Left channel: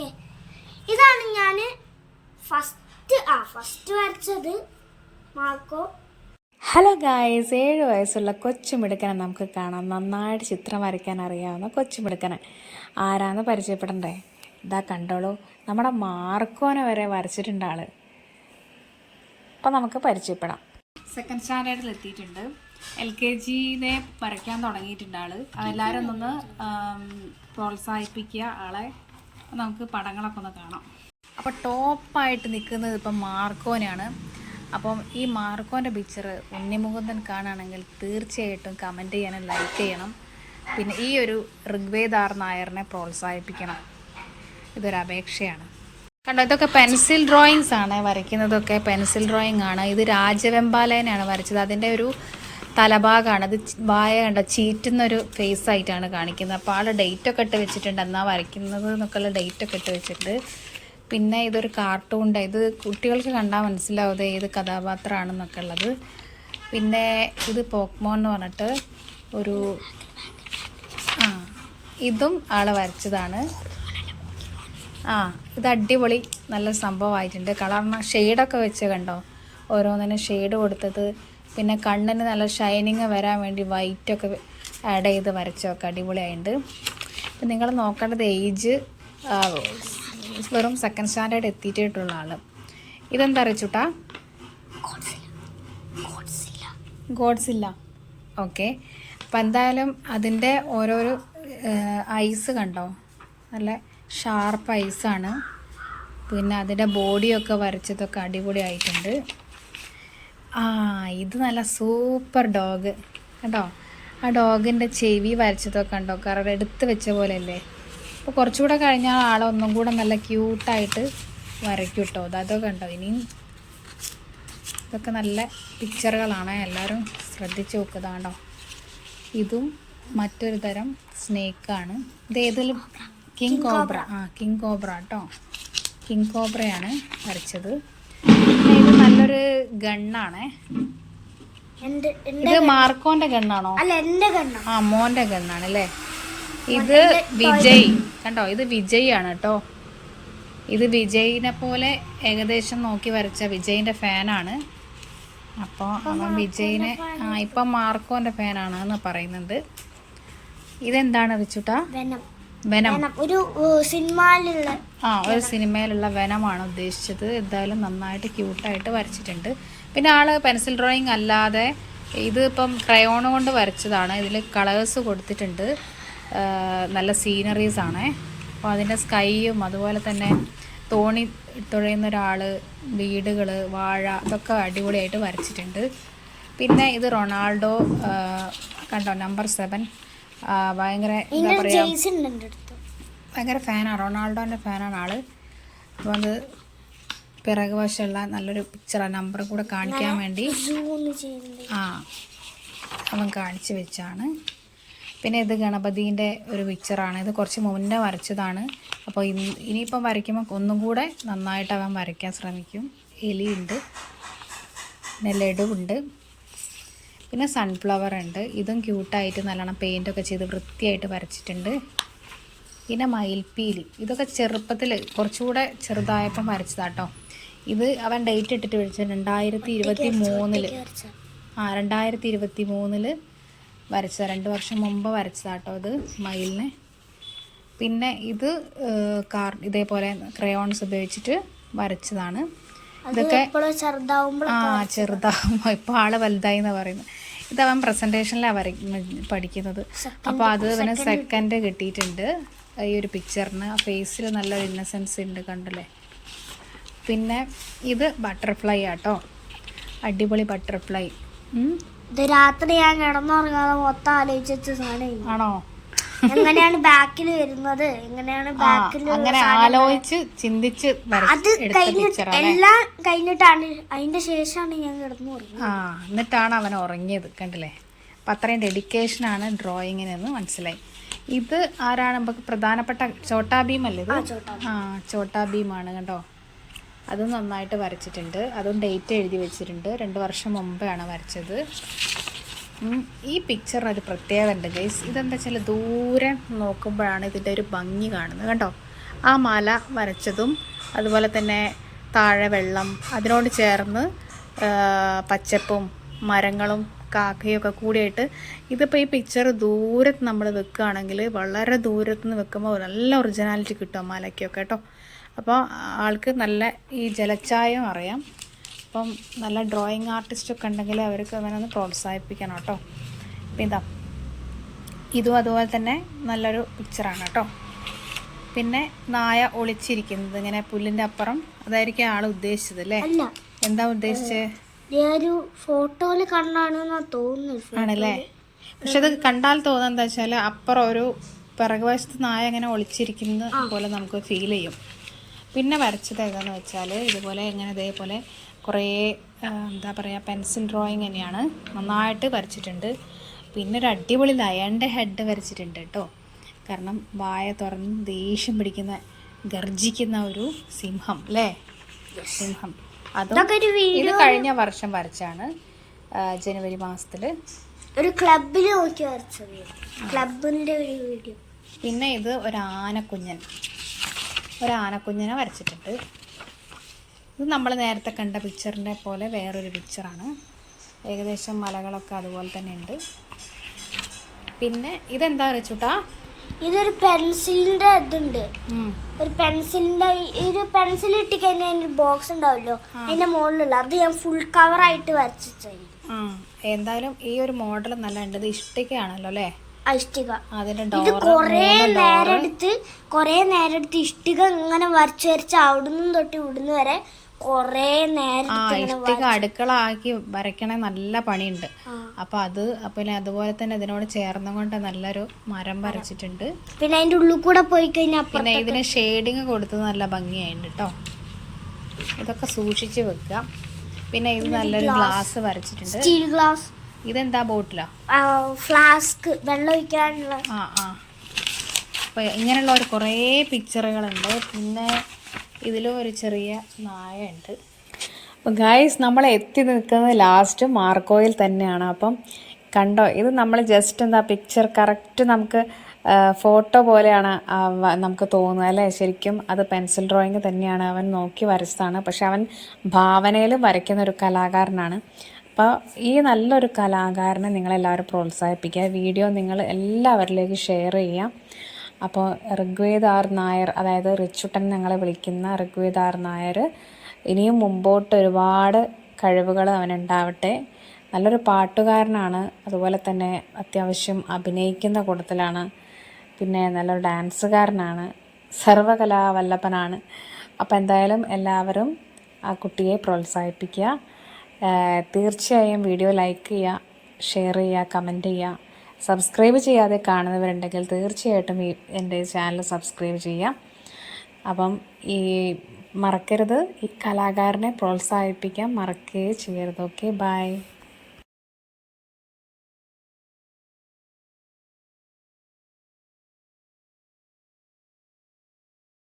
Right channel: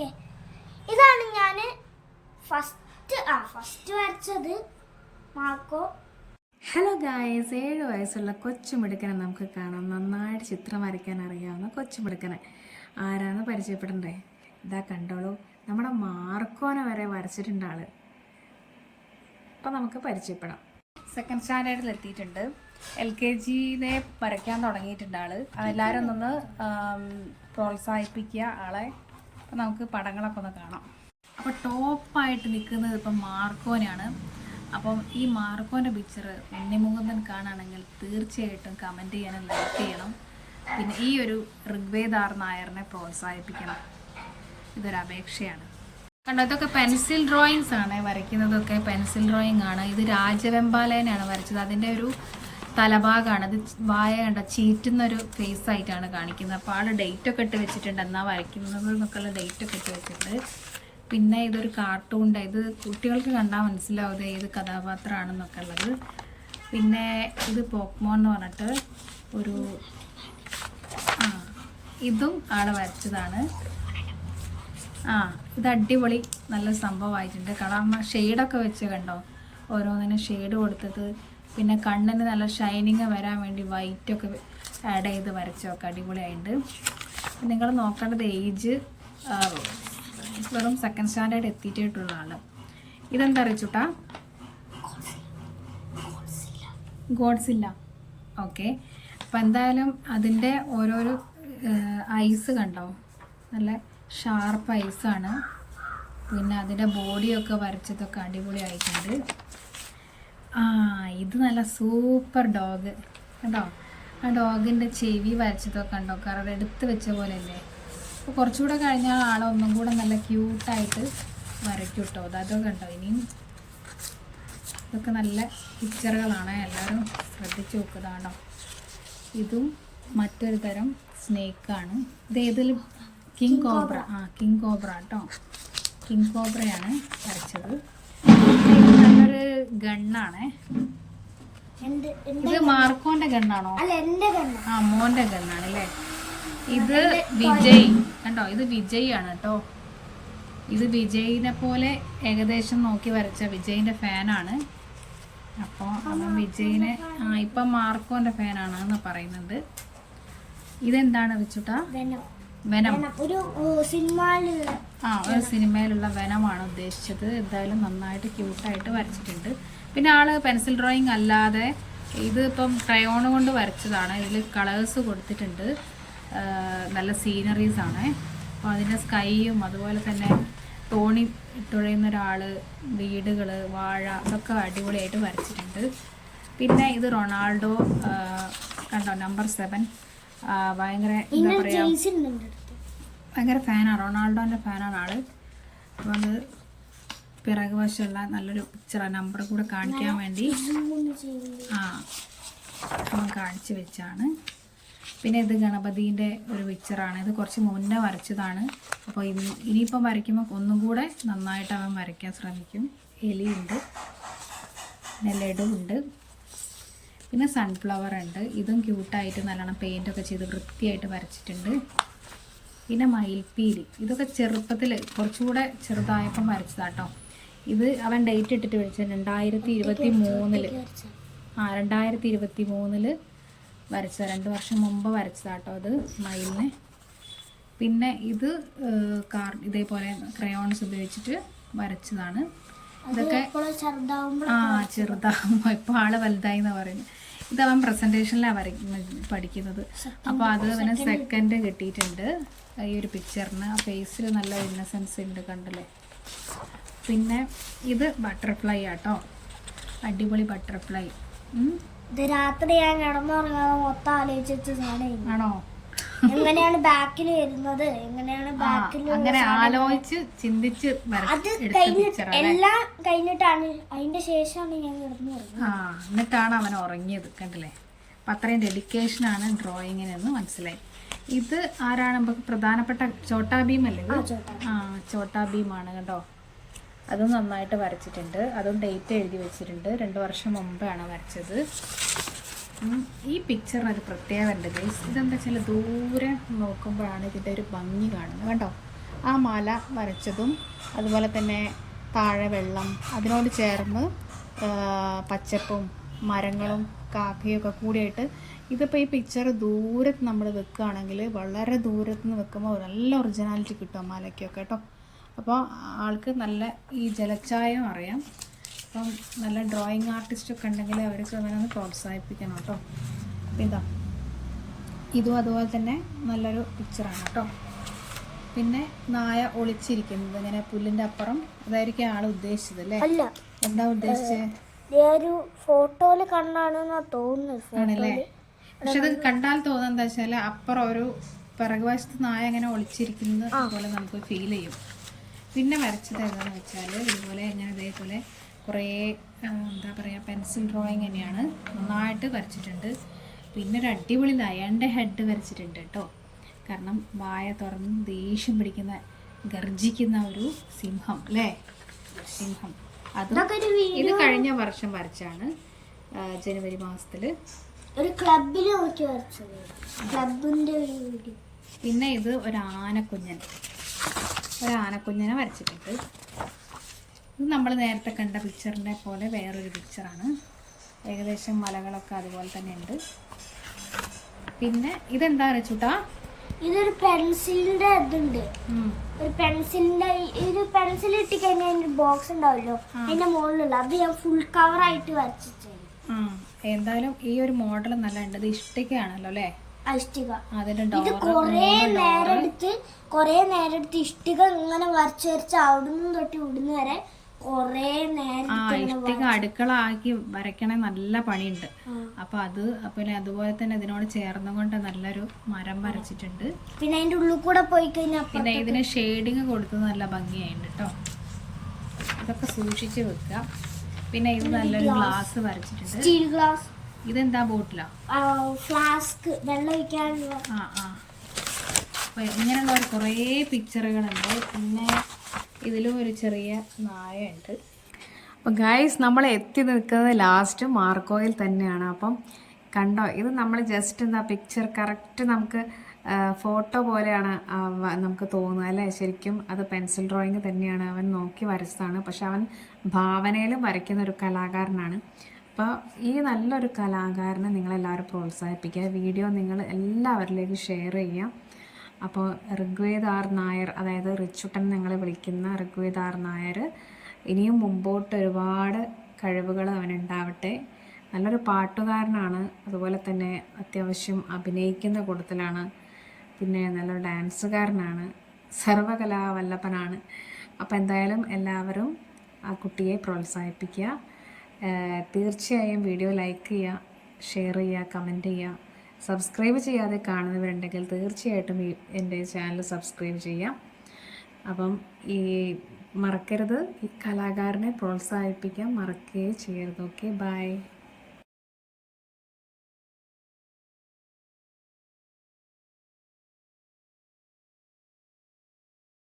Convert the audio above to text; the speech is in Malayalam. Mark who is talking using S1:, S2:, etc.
S1: ഓക്കെ. ഇതാണ് ഞാൻ ഫസ്റ്റ് ആ ഫസ്റ്റ് വരച്ചത് മാർക്കോ.
S2: ഹലോ ഗായ്സ് ഏഴ് വയസ്സുള്ള കൊച്ചുമിടുക്കനെ നമുക്ക് കാണാം. നന്നായിട്ട് ചിത്രം വരയ്ക്കാൻ അറിയാവുന്ന കൊച്ചുമിടുക്കനെ. ആരാന്ന് പരിചയപ്പെടണ്ടേ? ഇതാ കണ്ടോളൂ. നമ്മുടെ മാർക്കോനെ വരെ വരച്ചിട്ടുണ്ട് ആൾ. അപ്പം നമുക്ക് പരിചയപ്പെടാം. സെക്കൻഡ് സ്റ്റാൻഡേർഡിൽ എത്തിയിട്ടുണ്ട്. എൽ കെ ജിനെ വരയ്ക്കാൻ തുടങ്ങിയിട്ടുണ്ട് ആൾ. അതെല്ലാവരും ഒന്ന് പ്രോത്സാഹിപ്പിക്കുക ആളെ. അപ്പം നമുക്ക് പടങ്ങളൊക്കെ ഒന്ന് കാണാം. അപ്പോൾ ടോപ്പായിട്ട് നിൽക്കുന്നത് ഇപ്പം മാർക്കോനാണ്. അപ്പം ഈ മാർക്കോന്റെ പിക്ചർ ഉണ്ണിമുകുന്ദൻ കാണുകയാണെങ്കിൽ തീർച്ചയായിട്ടും കമന്റ് ചെയ്യണം ലൈക്ക് ചെയ്യണം. പിന്നെ ഈ ഒരു ഋഗ്വേദാർ നായറിനെ പ്രോത്സാഹിപ്പിക്കണം. ഇതൊരു അപേക്ഷയാണ്. കണ്ടോ ഇതൊക്കെ പെൻസിൽ ഡ്രോയിങ്സ് ആണ് വരയ്ക്കുന്നതൊക്കെ. പെൻസിൽ ഡ്രോയിങ് ആണ്. ഇത് രാജവെമ്പാലയനാണ് വരച്ചത്. അതിന്റെ ഒരു തലഭാഗമാണ് അത് വായ കണ്ട ചീറ്റുന്ന ഒരു ഫേസ് ആയിട്ടാണ് കാണിക്കുന്നത്. അപ്പോൾ ആൾ ഡേറ്റ് ഒക്കെ ഇട്ട് വെച്ചിട്ടുണ്ട്. എന്നാൽ വരയ്ക്കുന്നത് ഡേറ്റ് ഒക്കെ ഇട്ട് വെച്ചിട്ടുണ്ട്. പിന്നെ ഇതൊരു കാർട്ടൂണിന്റെ ഇത് കുട്ടികൾക്ക് കണ്ടാൽ മനസ്സിലാവും ഏത് കഥാപാത്രമാണെന്നൊക്കെ ഉള്ളത്. പിന്നെ ഇത് പോക്മോ എന്ന് പറഞ്ഞിട്ട് ഒരു ആ ഇതും ആൾ വരച്ചതാണ്. ആ ഇത് അടിപൊളി നല്ല സംഭവമായിട്ടുണ്ട്. കളറിന് ഷെയ്ഡൊക്കെ വെച്ച് കണ്ടോ? ഓരോന്നിനും ഷെയ്ഡ് കൊടുത്തത്. പിന്നെ കണ്ണിന് നല്ല ഷൈനിങ് വരാൻ വേണ്ടി വൈറ്റൊക്കെ ആഡ് ചെയ്ത് വരച്ചൊക്കെ അടിപൊളിയായിട്ടുണ്ട് അപ്പം നിങ്ങൾ നോക്കേണ്ടത് ഏജ് വെറും സെക്കൻഡ് സ്റ്റാൻഡേർഡ് എത്തിയിട്ടുള്ള ആൾ ഇതെന്താ അറിയിച്ചുട്ടാ ഗോഡ്സില്ല ഓക്കെ അപ്പം എന്തായാലും അതിന്റെ ഓരോരോ ഐസ് കണ്ടോ? നല്ല ഷാർപ്പ് ഐസാണ് പിന്നെ അതിന്റെ ബോഡിയൊക്കെ വരച്ചതൊക്കെ അടിപൊളിയായിട്ടുണ്ട്. ആ ഇത് നല്ല സൂപ്പർ ഡോഗ്. കേട്ടോ ആ ഡോഗിന്റെ ചെവി വരച്ചതൊക്കെ കണ്ടോ? കാരണം എടുത്ത് വെച്ച പോലെ അല്ലേ അപ്പോൾ കുറച്ചുകൂടെ കഴിഞ്ഞാൽ ആളൊന്നും കൂടെ നല്ല ക്യൂട്ടായിട്ട് വരയ്ക്കും കേട്ടോ അതൊക്കെ കണ്ടോ? ഇനിയും ഇതൊക്കെ നല്ല പിക്ചറുകളാണ്. എല്ലാവരും ശ്രദ്ധിച്ച് നോക്കുക കേട്ടോ ഇതും മറ്റൊരു തരം സ്നേക്കാണ്. ഇത് ഏതിലും കിങ് കോബ്ര? ആ കിങ് കോബ്ര കേട്ടോ കിങ് കോബ്രയാണ് വരച്ചത്. ഇത് ഗണ്ണാണേ.
S1: ഗണ്ണാണ്
S2: ഇത് മാർക്കോന്റെ ഗണ്ണാണോ?
S1: അല്ല എന്റെ കണ്ണ
S2: ആ മോന്റെ ഗണ്ണാണ് അല്ലേ? ഇത് വിജയ്. കണ്ടോ? ഇത് വിജയ് ആണ് കേട്ടോ. ഇത് വിജയിനെ പോലെ ഏകദേശം നോക്കി വരച്ച വിജയിന്റെ ഫാനാണ്. അപ്പോൾ അവൻ വിജയിനെ ആ ഇപ്പം മാർക്കോന്റെ ഫാനാണ് എന്ന് പറയുന്നുണ്ട്. ഇതെന്താണ് വെച്ചിട്ടാ
S1: വെനം. ഒരു സിനിമയിലുള്ള
S2: ആ ഒരു സിനിമയിലുള്ള വെനമാണ് ഉദ്ദേശിച്ചത്. എന്തായാലും നന്നായിട്ട് ക്യൂട്ടായിട്ട് വരച്ചിട്ടുണ്ട്. പിന്നെ ആൾ പെൻസിൽ ഡ്രോയിങ് അല്ലാതെ ഇത് ഇപ്പം ക്രയോൺ കൊണ്ട് വരച്ചതാണ്. ഇതിൽ കളേഴ്സ് കൊടുത്തിട്ടുണ്ട്. നല്ല സീനറീസ് ആണ്. അപ്പോൾ അതിന്റെ സ്കൈയും അതുപോലെ തന്നെ തോണി തുഴയുന്ന ഒരാൾ വീടുകൾ വാഴ ഇതൊക്കെ അടിപൊളിയായിട്ട് വരച്ചിട്ടുണ്ട്. പിന്നെ ഇത് റൊണാൾഡോ കണ്ടോ നമ്പർ സെവൻ. ഭയങ്കര എന്താ പറയുക
S1: ഉണ്ട്
S2: ഭയങ്കര ഫാനാണ് റൊണാൾഡോന്റെ ഫാനാണ് ആൾ. അപ്പോൾ അത് പിറകു വശമുള്ള നല്ലൊരു പിക്ചറാണ് നമ്പർ കൂടെ കാണിക്കാൻ വേണ്ടി. ആ അവൻ കാണിച്ചു വെച്ചാണ്. പിന്നെ ഇത് ഗണപതിന്റെ ഒരു പിക്ചറാണ് ഇത് കുറച്ച് മുന്നേ വരച്ചതാണ്. അപ്പോൾ ഇനി ഇനിയിപ്പം വരയ്ക്കുമ്പോൾ ഒന്നും കൂടെ നന്നായിട്ട് അവൻ വരയ്ക്കാൻ ശ്രമിക്കും. എലിയുണ്ട്. പിന്നെ ലഡുവുണ്ട്. പിന്നെ സൺഫ്ലവർ ഉണ്ട്. ഇതും ക്യൂട്ടായിട്ട് നല്ലോണം പെയിന്റൊക്കെ ചെയ്ത് വൃത്തിയായിട്ട് വരച്ചിട്ടുണ്ട്. പിന്നെ മയിൽപ്പീലി. ഇതൊക്കെ ചെറുപ്പത്തിൽ കുറച്ചുകൂടെ ചെറുതായപ്പം വരച്ചതാട്ടോ. ഇത് അവൻ ഡേറ്റ് ഇട്ടിട്ട് വിളിച്ചത് രണ്ടായിരത്തി ഇരുപത്തി മൂന്നിൽ ആ രണ്ടായിരത്തി ഇരുപത്തി മൂന്നിൽ വരച്ചത്. രണ്ട് വർഷം മുമ്പ് വരച്ചതാട്ടോ അത് മയിലിന്. പിന്നെ ഇത് കാർ ഇതേപോലെ ക്രയോൺസ് ഉപയോഗിച്ചിട്ട് വരച്ചതാണ്. ഇതൊക്കെ
S1: ആ ചെറുതാവുമ്പോൾ
S2: ആ ഇപ്പോൾ ആൾ വലുതായി എന്നാണ് പറയുന്നത് ഇത് അവൻ പ്രസന്റേഷനിലാണ് വര പഠിക്കുന്നത്. അപ്പോൾ അത് അവന് സെക്കൻഡ് കിട്ടിയിട്ടുണ്ട്. ഈ ഒരു പിക്ചറിന് ആ ഫേസിൽ നല്ല ഇന്നസെൻസ് ഉണ്ട് കണ്ടല്ലേ? പിന്നെ ഇത് ബട്ടർഫ്ലൈ ആട്ടോ. അടിപൊളി ബട്ടർഫ്ലൈ
S1: ഇത് രാത്രി ഞാൻ കിടന്നുറങ്ങാതെ മൊത്തം ആലോചിച്ച് സാധനം
S2: ആണോ?
S1: എങ്ങനെയാണ് ബാക്കിൽ വരുന്നത്? എങ്ങനെയാണ് ബാക്കിൽ
S2: അങ്ങനെ ആലോചിച്ച് ചിന്തിച്ച്
S1: അത് കഴിഞ്ഞിട്ട് എല്ലാം കഴിഞ്ഞിട്ടാണ് അതിന്റെ ശേഷമാണ് ഞാൻ കിടന്നു
S2: ആ എന്നിട്ടാണ് അവൻ ഉറങ്ങിയത് കണ്ടില്ലേ? അപ്പം അത്രയും ഡെഡിക്കേഷനാണ് ഡ്രോയിങ്ങിനെന്ന് മനസ്സിലായി. ഇത് ആരാണ് നമുക്ക് പ്രധാനപ്പെട്ട ചോട്ടാ ഭീം അല്ലേ ആ ചോട്ടാ ഭീമാണ് കേട്ടോ അതും നന്നായിട്ട് വരച്ചിട്ടുണ്ട്. അതും ഡേറ്റ് എഴുതി വെച്ചിട്ടുണ്ട്. രണ്ട് വർഷം മുമ്പാണ് വരച്ചത്. ഈ പിക്ചറിന് ഒരു പ്രത്യേകത ഉണ്ട് ഗൈസ് ഇതെന്താ വെച്ചാൽ ദൂരെ നോക്കുമ്പോഴാണ് ഇതിന്റെ ഒരു ഭംഗി കാണുന്നത് കണ്ടോ? ആ മാല വരച്ചതും അതുപോലെ തന്നെ താഴെ വെള്ളം അതിനോട് ചേർന്ന് പച്ചപ്പും മരങ്ങളും കാക്കയൊക്കെ കൂടിയായിട്ട് ഇതിപ്പോൾ ഈ പിക്ചർ ദൂരത്ത് നമ്മൾ വെക്കുകയാണെങ്കിൽ വളരെ ദൂരത്ത് നിന്ന് വെക്കുമ്പോൾ നല്ല ഒറിജിനാലിറ്റി കിട്ടും മാലയ്ക്കൊക്കെ കേട്ടോ? അപ്പോൾ ആൾക്ക് നല്ല ഈ ജലച്ചായം അറിയാം. അപ്പം നല്ല ഡ്രോയിങ് ആർട്ടിസ്റ്റൊക്കെ ഉണ്ടെങ്കിൽ അവർക്ക് അങ്ങനെ ഒന്ന് പ്രോത്സാഹിപ്പിക്കണം കേട്ടോ. അപ്പം ഇതാ. ഇതും അതുപോലെ തന്നെ നല്ലൊരു പിക്ചറാണ് കേട്ടോ. പിന്നെ നായ ഒളിച്ചിരിക്കുന്നത് ഇങ്ങനെ പുല്ലിന്റെ അപ്പുറം. അതായിരിക്കും ആൾ ഉദ്ദേശിച്ചത് അല്ലേ? എന്താ ഉദ്ദേശിച്ചത്
S1: കണ്ടാണെന്നാ തോന്നുന്നു
S2: ആണല്ലേ? പക്ഷെ അത് കണ്ടാൽ തോന്നുന്നത് എന്താ വെച്ചാൽ അപ്പുറം ഒരു പിറകുവശത്ത് നായ ഇങ്ങനെ ഒളിച്ചിരിക്കുന്നത് പോലെ നമുക്ക് ഫീൽ ചെയ്യും. പിന്നെ വരച്ചത് ഏതാന്ന് വെച്ചാൽ ഇതുപോലെ ഇങ്ങനെ ഇതേപോലെ കുറേ എന്താ പറയുക പെൻസിൽ ഡ്രോയിങ് തന്നെയാണ് നന്നായിട്ട് വരച്ചിട്ടുണ്ട്. പിന്നെ ഒരു അടിപൊളി ലയന്റെ ഹെഡ് വരച്ചിട്ടുണ്ട് കേട്ടോ. കാരണം വായ തുറന്ന് ദേഷ്യം പിടിക്കുന്ന ഗർജിക്കുന്ന ഒരു സിംഹം അല്ലേ? സിംഹം.
S1: അതൊക്കെ
S2: ഇത് കഴിഞ്ഞ വർഷം വരച്ചാണ് ജനുവരി മാസത്തിൽ
S1: ഒരു ക്ലബിൽ നോക്കി വരച്ചത്. ക്ലബിന്റെ ഒരു വീഡിയോ.
S2: പിന്നെ ഇത് ഒരു ആനക്കുഞ്ഞൻ. ഒരു ആനക്കുഞ്ഞനെ വരച്ചിട്ടുണ്ട്. ഇത് നമ്മൾ നേരത്തെ കണ്ട പിക്ചറിന്റെ പോലെ വേറൊരു പിക്ചറാണ് ഏകദേശം മലകളൊക്കെ അതുപോലെ തന്നെ ഉണ്ട്. പിന്നെ ഇതെന്താ വെച്ചിട്ടാ
S1: ഇതൊരു പെൻസിലിന്റെ ഇതുണ്ട്. ഒരു പെൻസിലിന്റെ ഒരു പെൻസിൽ ഇട്ടിക്കഴിഞ്ഞാൽ അതിന്റെ ബോക്സ് ഉണ്ടാവല്ലോ അതിന്റെ മുകളിലുള്ള അത് ഞാൻ ഫുൾ കവർ ആയിട്ട് വരച്ചു
S2: എന്തായാലും ഈ ഒരു മോഡൽ നല്ല ഉണ്ട് ഇത് ഇഷ്ടികയാണല്ലോ അല്ലേ?
S1: ഇഷ്ടിക. ഇത് കൊറേ നേരം എടുത്ത് കൊറേ നേരം എടുത്ത് ഇഷ്ടിക ഇങ്ങനെ വരച്ച് വരച്ച് അവിടുന്ന് തൊട്ട് ഇവിടുന്ന് വരെ കൊറേ നേരം
S2: ആ ഇഷ്ടിക അടുക്കള ആക്കി വരയ്ക്കണ നല്ല പണിയുണ്ട്. അപ്പൊ അത് അപ്പൊ അതുപോലെ തന്നെ ഇതിനോട് ചേർന്നുകൊണ്ട് നല്ലൊരു മരം വരച്ചിട്ടുണ്ട്.
S1: പിന്നെ അതിന്റെ ഉള്ളിൽ കൂടെ പോയി കഴിഞ്ഞാൽ
S2: പിന്നെ ഇതിന് ഷെയ്ഡിങ് കൊടുത്ത് നല്ല ഭംഗിയായിട്ടുണ്ട് കേട്ടോ ഇതൊക്കെ സൂക്ഷിച്ച് വെക്കുക. പിന്നെ ഇത് നല്ലൊരു ഗ്ലാസ് വരച്ചിട്ടുണ്ട്.
S1: സ്റ്റീൽ ഗ്ലാസ്
S2: ഇതെന്താ ബോട്ടിലാ
S1: ഫ്ലാസ്ക് വെള്ളം ഒഴിക്കാനുള്ള
S2: ആ ആ. അപ്പൊ ഇങ്ങനെയുള്ള ഒരു കുറേ പിക്ചറുകളുണ്ട് പിന്നെ ഇതിലും ഒരു ചെറിയ നായയുണ്ട്. അപ്പം ഗായ്സ് നമ്മൾ എത്തി നിൽക്കുന്നത് ലാസ്റ്റ് മാർക്കോയിൽ തന്നെയാണ്. അപ്പം കണ്ടോ ഇത് നമ്മൾ ജസ്റ്റ് എന്താ പിക്ചർ കറക്റ്റ് നമുക്ക് ഫോട്ടോ പോലെയാണ് നമുക്ക് തോന്നുന്നത് അല്ലേ? ശരിക്കും അത് പെൻസിൽ ഡ്രോയിങ് തന്നെയാണ്. അവൻ നോക്കി വരച്ചതാണ്. പക്ഷെ അവൻ ഭാവനയിൽ വരയ്ക്കുന്ന ഒരു കലാകാരനാണ്. അപ്പോൾ ഈ നല്ലൊരു കലാകാരനെ നിങ്ങളെല്ലാവരും പ്രോത്സാഹിപ്പിക്കുക. വീഡിയോ നിങ്ങൾ എല്ലാവരിലേക്ക് ഷെയർ ചെയ്യാം അപ്പോൾ ഋഗ്വേദാർ നായർ അതായത് റിച്ചുട്ടൻ ഞങ്ങളെ വിളിക്കുന്ന ഋഗ്വേദാർ നായർ ഇനിയും മുമ്പോട്ട് ഒരുപാട് കഴിവുകൾ അവനുണ്ടാവട്ടെ. നല്ലൊരു പാട്ടുകാരനാണ്. അതുപോലെ തന്നെ അത്യാവശ്യം അഭിനയിക്കുന്ന കൂട്ടത്തിലാണ്. പിന്നെ നല്ലൊരു ഡാൻസുകാരനാണ്. സർവകലാവല്ലഭനാണ് അപ്പോൾ എന്തായാലും എല്ലാവരും ആ കുട്ടിയെ പ്രോത്സാഹിപ്പിക്കുക. തീർച്ചയായും വീഡിയോ ലൈക്ക് ചെയ്യുക ഷെയർ ചെയ്യുക കമന്റ് ചെയ്യുക. സബ്സ്ക്രൈബ് ചെയ്യാതെ കാണുന്നവരുണ്ടെങ്കിൽ തീർച്ചയായിട്ടും ഈ എന്റെ ചാനൽ സബ്സ്ക്രൈബ് ചെയ്യാം. അപ്പം ഈ മറക്കരുത്. ഈ കലാകാരനെ പ്രോത്സാഹിപ്പിക്കാൻ മറക്കുകയേ ചെയ്യരുത്. Okay bye